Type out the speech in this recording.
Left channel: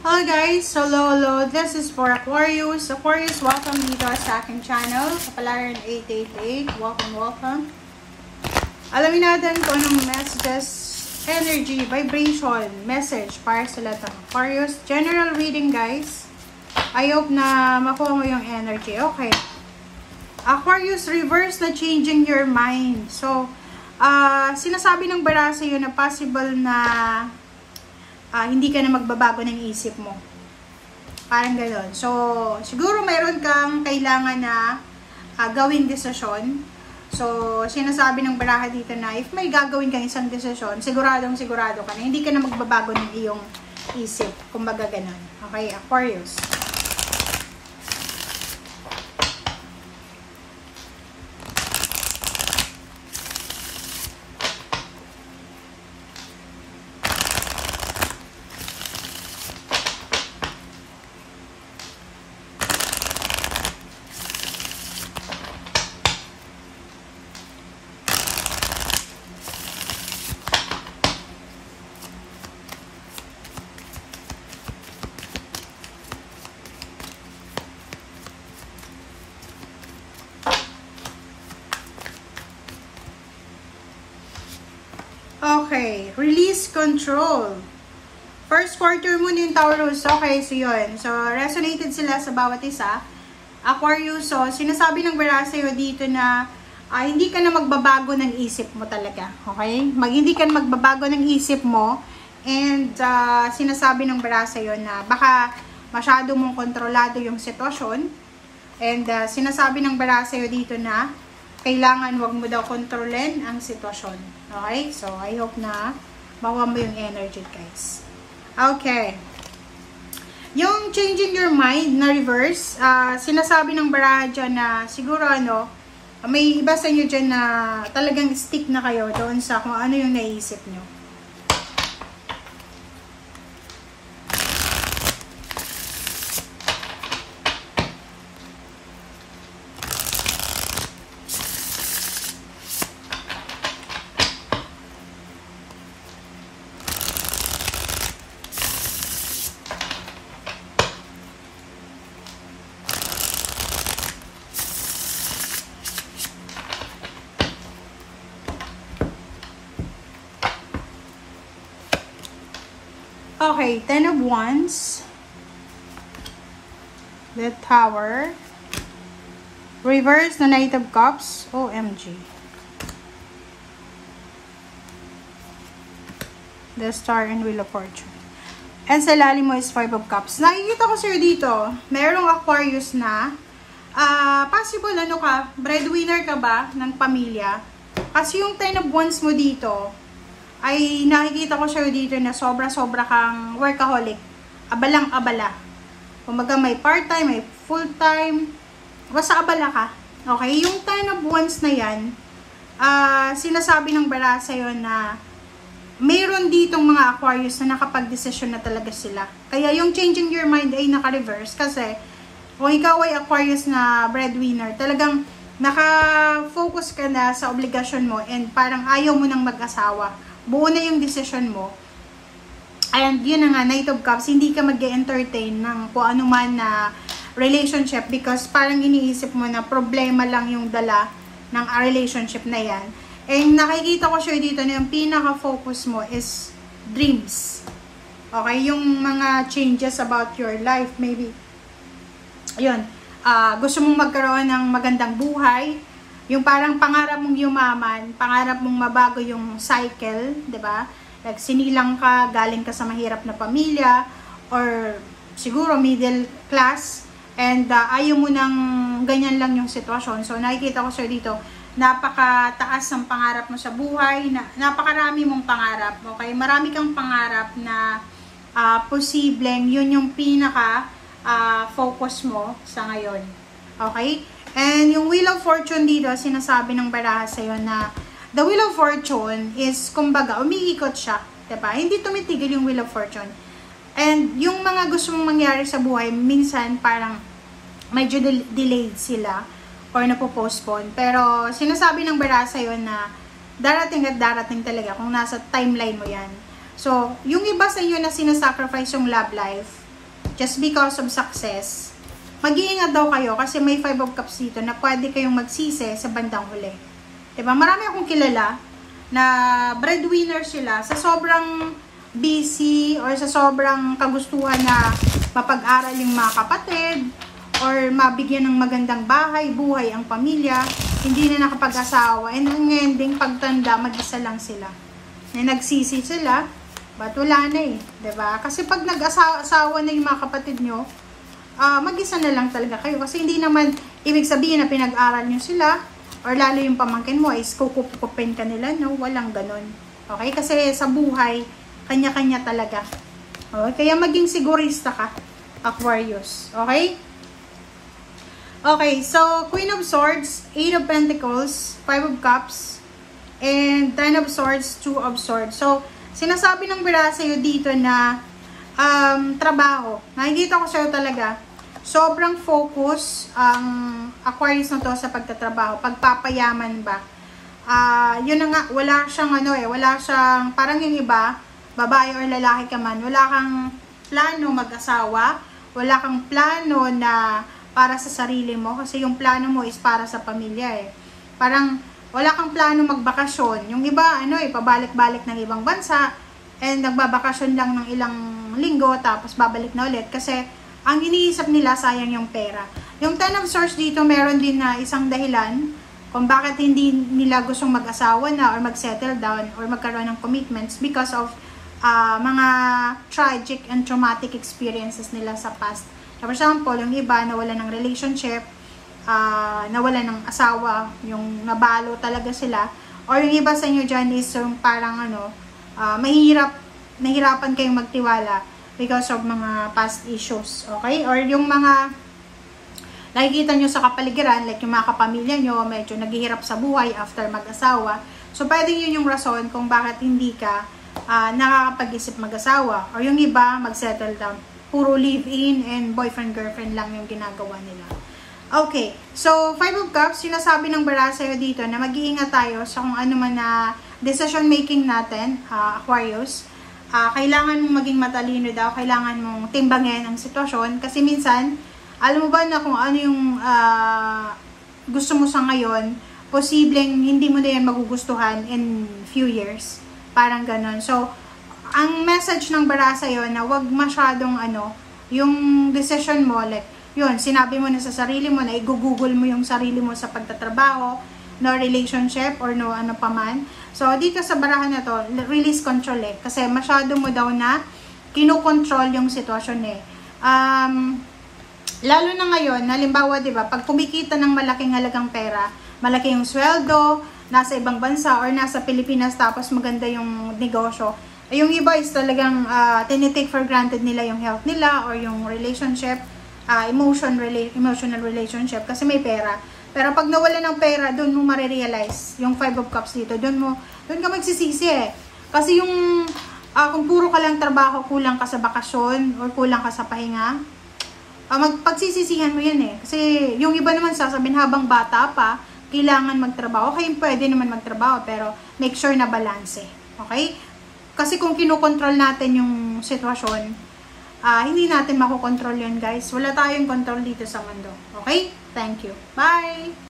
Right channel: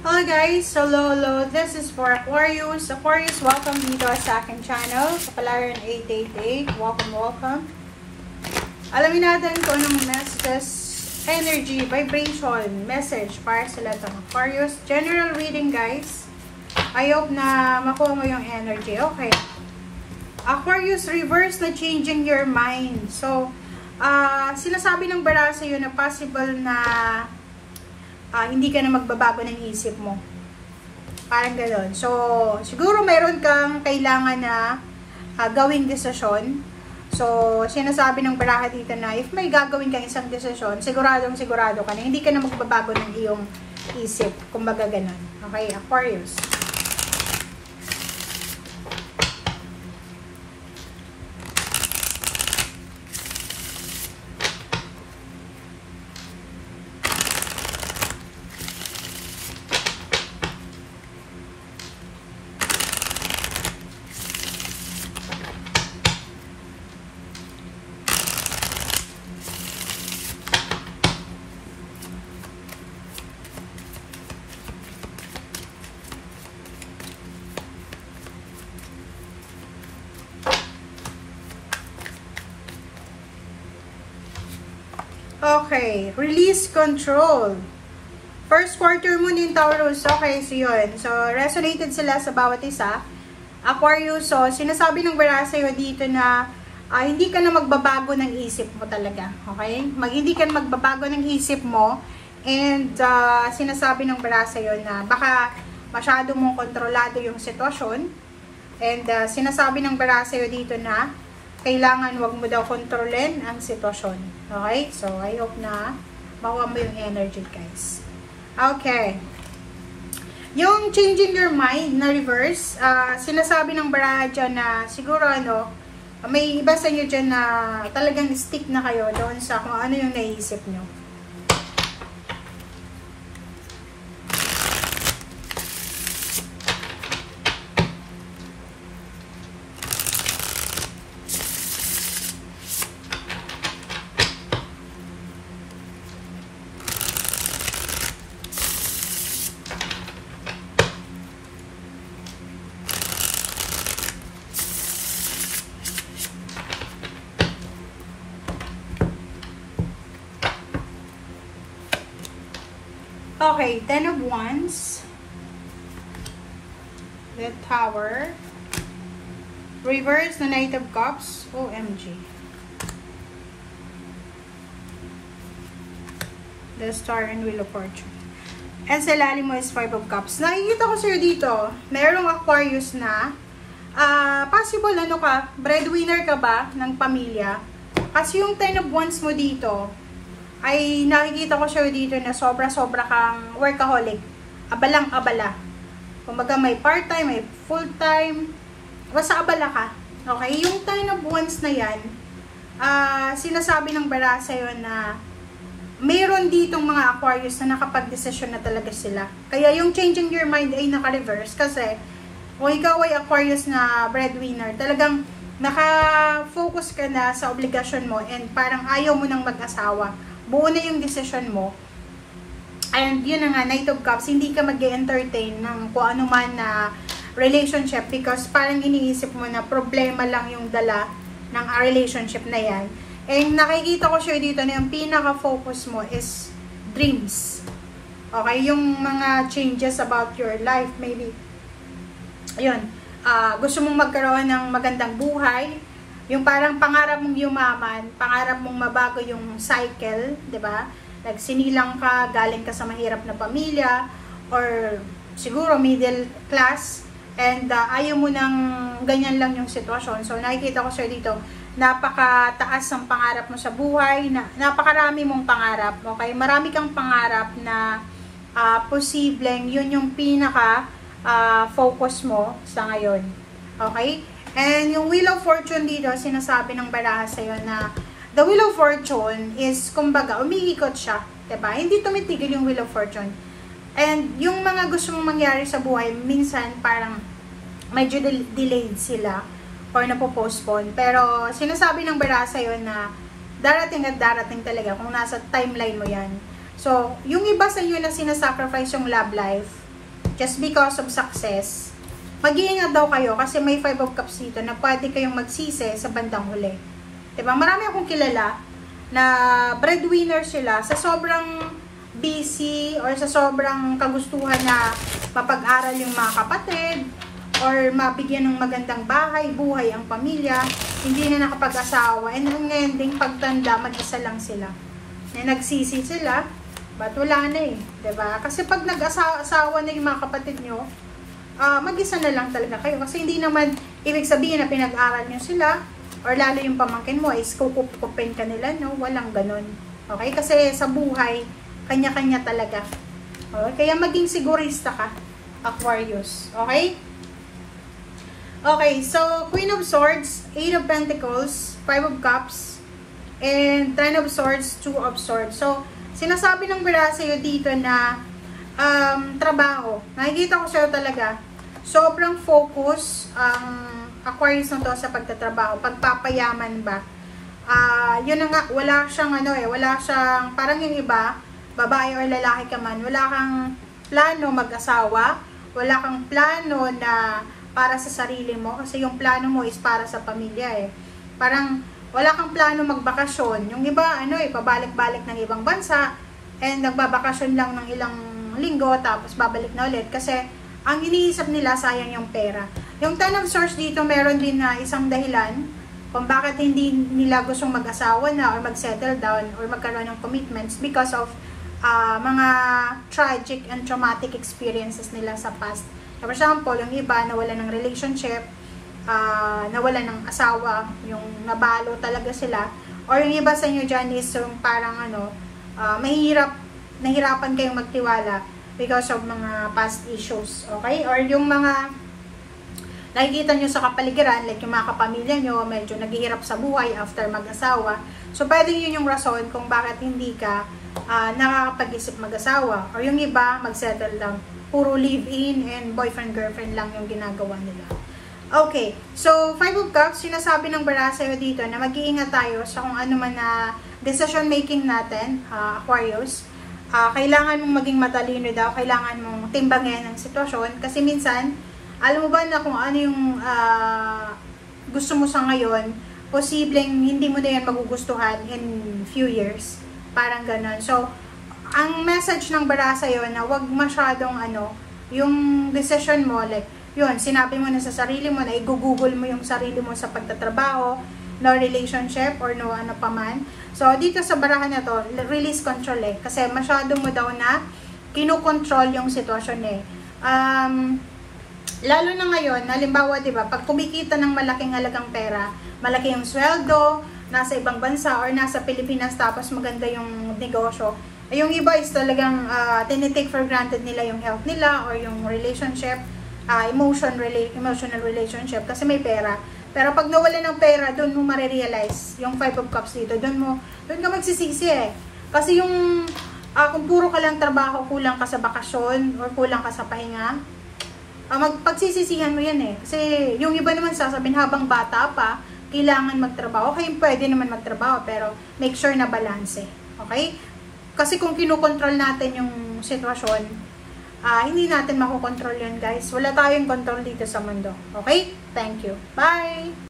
Hello guys! Hello! This is for Aquarius. Aquarius, welcome dito sa aking channel. Kapalaran 888. Welcome. Alamin natin kung anong messages, energy, vibration, message para sa lahat ng Aquarius. General reading guys. I hope na makuha mo yung energy. Okay. Aquarius, reverse na changing your mind. So, sinasabi ng bara sa'yo na possible na hindi ka na magbabago ng isip mo. Parang gano'n. So, siguro meron kang kailangan na gawing desisyon. So, sinasabi ng baraha dito na if may gagawin kang isang desisyon, siguradong sigurado ka na hindi ka na magbabago ng iyong isip. Kumbaga gano'n. Okay, Aquarius. Okay, release control. First quarter mo yung Taurus. Okay, so yun. So, resonated sila sa bawat isa. Aquarius, so, sinasabi ng bara sa'yo dito na hindi ka na magbabago ng isip mo talaga. Okay? Hindi ka na magbabago ng isip mo. And, sinasabi ng bara sa'yo na baka masyado mong kontrolado yung sitwasyon. And, sinasabi ng bara sa'yo dito na kailangan wag mo daw kontrolin ang sitwasyon. Okay? So, I hope na makuha mo yung energy, guys. Okay. Yung changing your mind na reverse, sinasabi ng baraha dyan na siguro may iba sa inyo dyan na talagang stick na kayo doon sa kung ano yung naisip nyo. Okay, 10 of Wands, the Tower, reverse na Knight of Cups, OMG, the Star and Wheel of Fortune, and sa lalim mo is 5 of Cups. Nakikita ko sa'yo dito, merong Aquarius na, possible breadwinner ka ba ng pamilya? Kasi yung 10 of Wands mo dito, ay nakikita ko sa'yo dito na sobra-sobra kang workaholic. Abalang-abala. Kumaga may part-time, may full-time. Basta abala ka. Okay? Yung 10 of Wands na yan, sinasabi ng bara sa'yo na mayroon ditong mga Aquarius na nakapag-desisyon na talaga sila. Kaya yung changing your mind ay naka-reverse. Kasi kung ikaw ay Aquarius na breadwinner, talagang naka-focus ka na sa obligasyon mo and parang ayaw mo nang mag-asawa. Buo na yung decision mo. And yun na nga, Knight of Cups, hindi ka mag-entertain ng kung ano man na relationship because parang iniisip mo na problema lang yung dala ng relationship na yan. And nakikita ko siya dito na yung pinaka-focus mo is dreams. Okay? Yung mga changes about your life, maybe. Ayun. Gusto mong magkaroon ng magandang buhay. Yung parang pangarap mong yumaman, pangarap mong mabago yung cycle, 'di ba? Like sinilang ka, galing ka sa mahirap na pamilya or siguro middle class and ayaw mo nang ganyan lang yung sitwasyon. So nakikita ko sir dito, napakataas ang pangarap mo sa buhay, napakarami mong pangarap. Okay? Marami kang pangarap na posibleng yun yung pinaka focus mo sa ngayon. Okay? And yung Wheel of Fortune dito, sinasabi ng baraha sa'yo na the Wheel of Fortune is, kumbaga, umiikot siya. Diba? Hindi tumitigil yung Wheel of Fortune. And yung mga gusto mong mangyari sa buhay, minsan parang medyo delayed sila or napopostpone. Pero sinasabi ng baraha sa'yo na darating at darating talaga kung nasa timeline mo yan. So, yung iba sa inyo na sinasacrifice yung love life, just because of success, mag-iingat daw kayo kasi may 5 of Cups dito na pwede kayong magsisi sa bandang huli. Diba? Marami akong kilala na breadwinner sila sa sobrang busy or sa sobrang kagustuhan na mapag-aral yung mga kapatid or mabigyan ng magandang bahay, buhay ang pamilya, hindi na nakapag-asawa, and ngayon ding pagtanda, mag-isa lang sila. Na nagsisi sila, but wala na eh, diba? Kasi pag nag-asawa na yung mga kapatid nyo, mag-isa na lang talaga kayo. Kasi hindi naman ibig sabihin na pinag-aral nyo sila, or lalo yung pamangkin mo is kukupin ka nila, no? Walang ganon. Okay? Kasi sa buhay, kanya-kanya talaga. Okay? Kaya maging sigurista ka, Aquarius. Okay? Okay, so Queen of Swords, 8 of Pentacles, 5 of Cups, and 10 of Swords, 2 of Swords. So, sinasabi ng bira sa'yo dito na trabaho. Nakikita ko sa'yo talaga, sobrang focus ang Aquarius na to sa pagtatrabaho. Pagpapayaman ba? Yun na nga, wala siyang wala siyang, parang yung iba, babae or lalaki ka man, wala kang plano mag-asawa, wala kang plano na para sa sarili mo, kasi yung plano mo is para sa pamilya eh. Parang wala kang plano magbakasyon. Yung iba, pabalik-balik ng ibang bansa, and nagbabakasyon lang ng ilang linggo, tapos babalik na ulit. Kasi, ang iniisip nila, sayang yung pera. Yung 10 of Swords dito, meron din na isang dahilan kung bakit hindi nila gustong mag-asawa na, or mag-settle down, or magkaroon ng commitments because of mga tragic and traumatic experiences nila sa past. For example, yung iba nawala ng relationship, nawala ng asawa, yung nabalo talaga sila, or yung iba sa inyo dyan is yung parang nahihirapan kayong magtiwala because of mga past issues, okay? Or yung mga nakikita nyo sa kapaligiran, like yung mga kapamilya nyo, medyo naghihirap sa buhay after mag-asawa. So, pwede yun yung rason kung bakit hindi ka nakakapag-isip mag-asawa. Or yung iba, mag-settle down. Puro live-in and boyfriend-girlfriend lang yung ginagawa nila. Okay, so 5 of Cups, sinasabi ng bara sa'yo dito na mag-iingat tayo sa kung ano man na decision making natin, Aquarius. Kailangan mong maging matalino daw, kailangan mong timbangin ang sitwasyon. Kasi minsan, alam mo ba na kung ano yung gusto mo sa ngayon, posibleng hindi mo na yan magugustuhan in few years. Parang ganon. So, ang message ng bara sa'yo na wag masyadong yung decision mo, like, yun, sinabi mo na sa sarili mo na i-google mo yung sarili mo sa pagtatrabaho, no relationship, or no ano pa man. So, dito sa barahan na to, release control eh. Kasi masyado mo daw na kinukontrol yung sitwasyon eh. Lalo na ngayon, halimbawa, diba, pag kumikita ng malaking halagang pera, malaki yung sweldo, nasa ibang bansa, or nasa Pilipinas, tapos maganda yung negosyo, yung iba is talagang tinitake for granted nila yung health nila or yung relationship, emotional relationship kasi may pera. Pero pag nawala ng pera, doon mo marirealize yung 5 of Cups dito. Doon ka magsisisi eh. Kasi yung kung puro ka lang trabaho, kulang ka sa bakasyon or kulang ka sa pahinga, pagsisisihan mo yan eh. Kasi yung iba naman sasabihin habang bata pa, kailangan magtrabaho. Okay, pwede naman magtrabaho pero make sure na balance eh. Okay? Kasi kung kinokontrol natin yung sitwasyon, hindi natin makokontrol yun guys. Wala tayong control dito sa mundo. Okay? Thank you. Bye!